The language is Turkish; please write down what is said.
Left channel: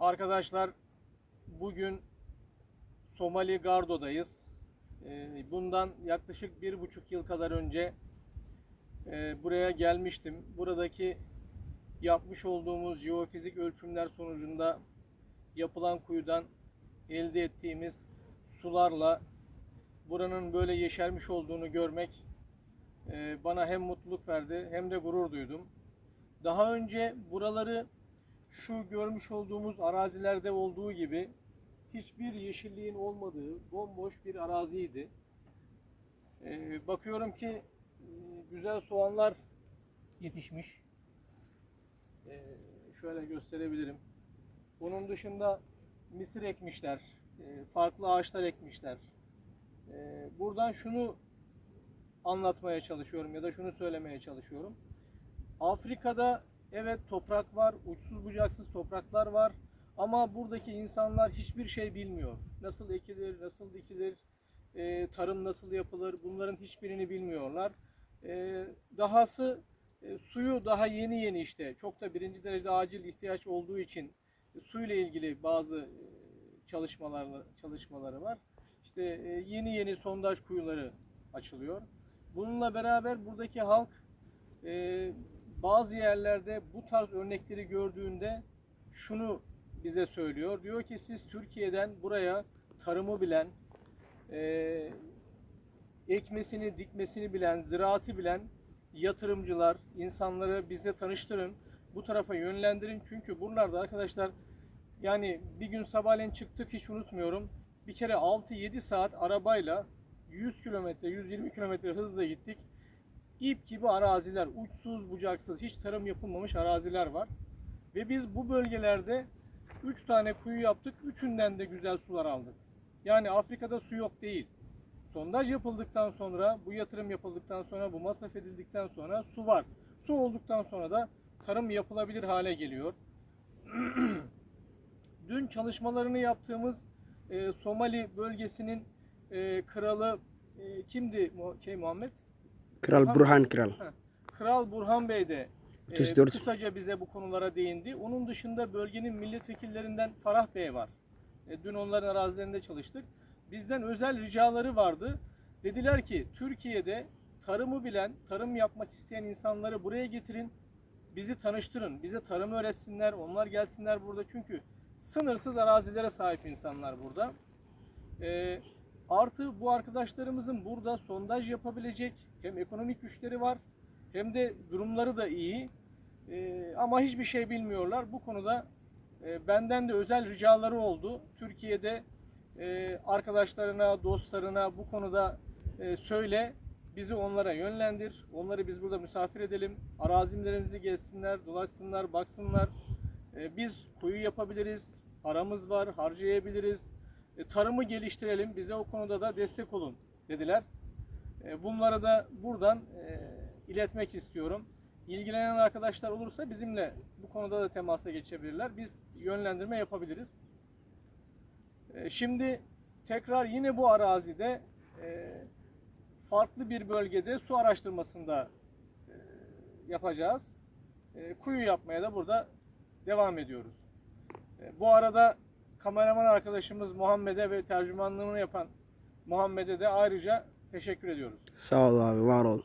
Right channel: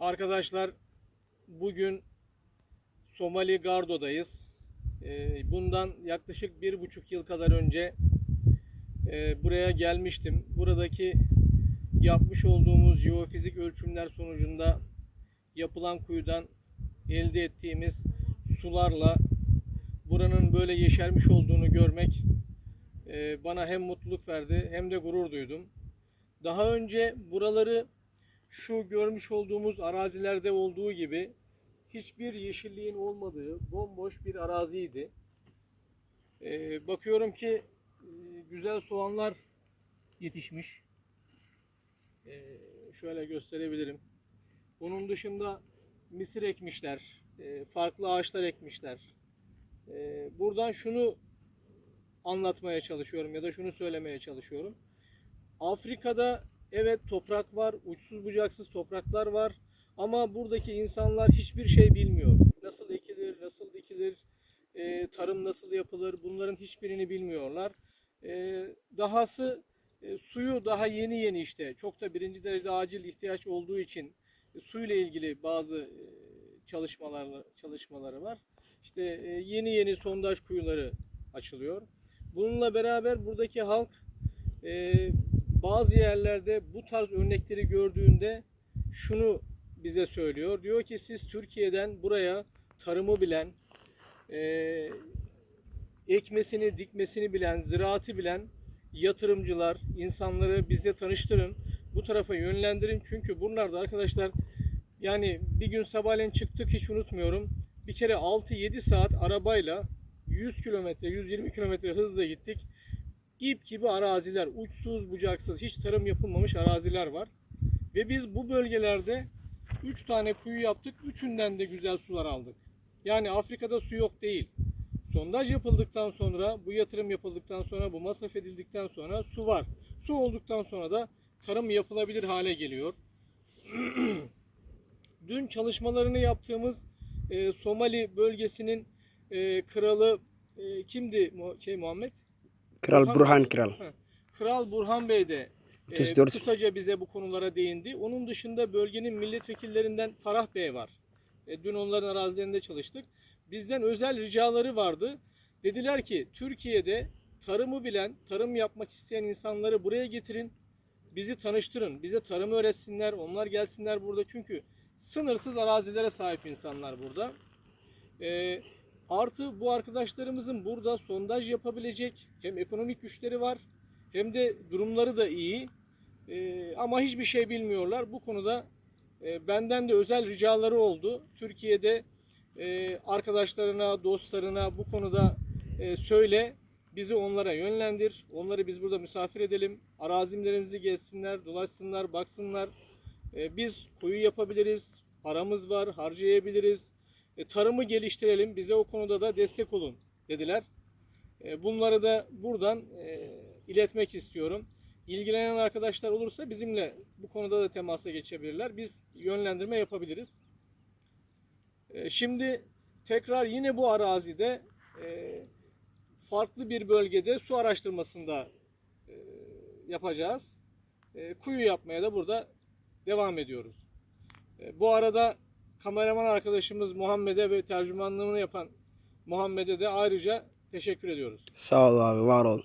Arkadaşlar bugün Somali Gardo'dayız. Ee, Bundan yaklaşık bir buçuk yıl kadar önce e, buraya gelmiştim. Buradaki yapmış olduğumuz jeofizik ölçümler sonucunda yapılan kuyudan elde ettiğimiz sularla buranın böyle yeşermiş olduğunu görmek e, bana hem mutluluk verdi hem de gurur duydum. Daha önce buraları şu görmüş olduğumuz arazilerde olduğu gibi hiçbir yeşilliğin olmadığı bomboş bir araziydi. Ee, bakıyorum ki e, güzel soğanlar yetişmiş. Ee, şöyle gösterebilirim. Bunun dışında mısır ekmişler, e, farklı ağaçlar ekmişler. Ee, buradan şunu anlatmaya çalışıyorum ya da şunu söylemeye çalışıyorum. Afrika'da evet toprak var, uçsuz bucaksız topraklar var ama buradaki insanlar hiçbir şey bilmiyor. Nasıl ekilir, nasıl dikilir, e, tarım nasıl yapılır bunların hiçbirini bilmiyorlar. E, dahası e, suyu daha yeni yeni işte çok da birinci derecede acil ihtiyaç olduğu için e, suyla ilgili bazı e, çalışmaları çalışmaları var. İşte e, yeni yeni sondaj kuyuları açılıyor. Bununla beraber buradaki halk e, bazı yerlerde bu tarz örnekleri gördüğünde şunu bize söylüyor. Diyor ki siz Türkiye'den buraya tarımı bilen, e, ekmesini, dikmesini bilen, ziraatı bilen yatırımcılar, insanları bize tanıştırın. Bu tarafa yönlendirin. Çünkü buralarda arkadaşlar yani bir gün sabahleyin çıktık hiç unutmuyorum. Bir kere 6-7 saat arabayla 100 kilometre, 120 kilometre hızla gittik. İp gibi araziler, uçsuz bucaksız, hiç tarım yapılmamış araziler var. Ve biz bu bölgelerde 3 tane kuyu yaptık. Üçünden de güzel sular aldık. Yani Afrika'da su yok değil. Sondaj yapıldıktan sonra, bu yatırım yapıldıktan sonra, bu masraf edildikten sonra su var. Su olduktan sonra da tarım yapılabilir hale geliyor. Dün çalışmalarını yaptığımız e, Somali bölgesinin e, kralı e, kimdi şey Muhammed? Kral Burhan- Burhan Kral. Kral Burhan Bey de e, 34. kısaca bize bu konulara değindi. Onun dışında bölgenin milletvekillerinden Farah Bey var. E, dün onların arazilerinde çalıştık. Bizden özel ricaları vardı. Dediler ki Türkiye'de tarımı bilen, tarım yapmak isteyen insanları buraya getirin. Bizi tanıştırın. Bize tarımı öğretsinler. Onlar gelsinler burada. Çünkü sınırsız arazilere sahip insanlar burada. E, artı bu arkadaşlarımızın burada sondaj yapabilecek hem ekonomik güçleri var hem de durumları da iyi. Ee, ama hiçbir şey bilmiyorlar. Bu konuda e, benden de özel ricaları oldu. Türkiye'de e, arkadaşlarına, dostlarına bu konuda e, söyle, bizi onlara yönlendir. Onları biz burada misafir edelim. Arazilerimizi gezsinler, dolaşsınlar, baksınlar. E, biz kuyu yapabiliriz, paramız var, harcayabiliriz. E, tarımı geliştirelim, bize o konuda da destek olun dediler. E, Bunları da buradan e, iletmek istiyorum. İlgilenen arkadaşlar olursa bizimle bu konuda da temasa geçebilirler. Biz yönlendirme yapabiliriz. Şimdi tekrar yine bu arazide farklı bir bölgede su araştırmasında yapacağız. Kuyu yapmaya da burada devam ediyoruz. Bu arada kameraman arkadaşımız Muhammed'e ve tercümanlığını yapan Muhammed'e de ayrıca teşekkür ediyoruz. Sağ ol abi var ol.